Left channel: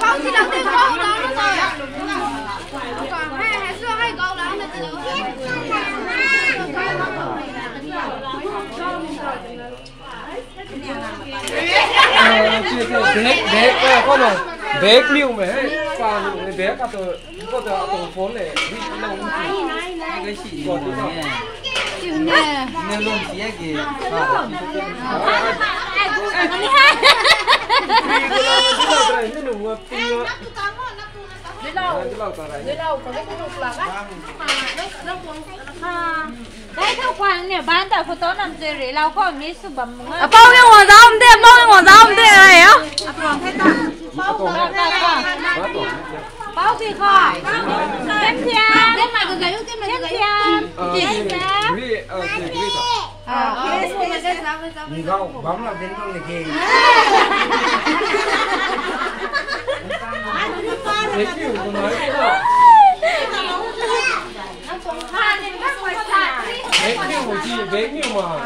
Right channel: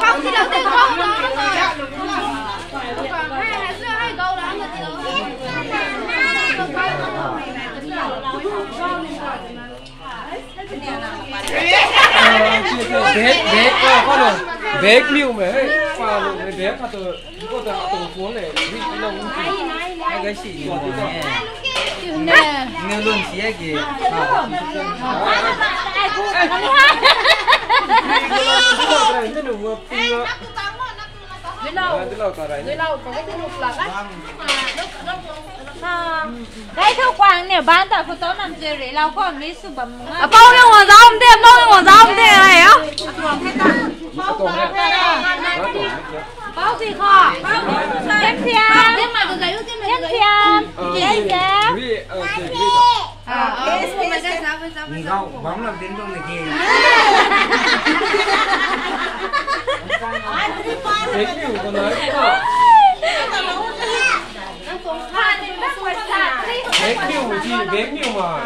Không thì đầu tiên không đó rồi. Còn hai sữa hai câu đó là từ đầu tiên. bé con rồi bé liu mà pha bé cả tôi có tôi phốn này đi lâu hai cái xì còn tí còn nghe luôn xí kì cái đủ tiêu Dưới lâu có cái lục là đấy thằng Quang nè bán tại photo nằm chơi để lâu còn lấy số bấm bao nhiêu ngọn gió không tiền bao nhiêu ngọn gió không tiền này không bao gì thôi em thiên em mà cái giấy lúc tiên em thiên nhìn đâu bóng làm đến luôn là kì thế kiểu của nó bé kiểu gì bé kiểu mà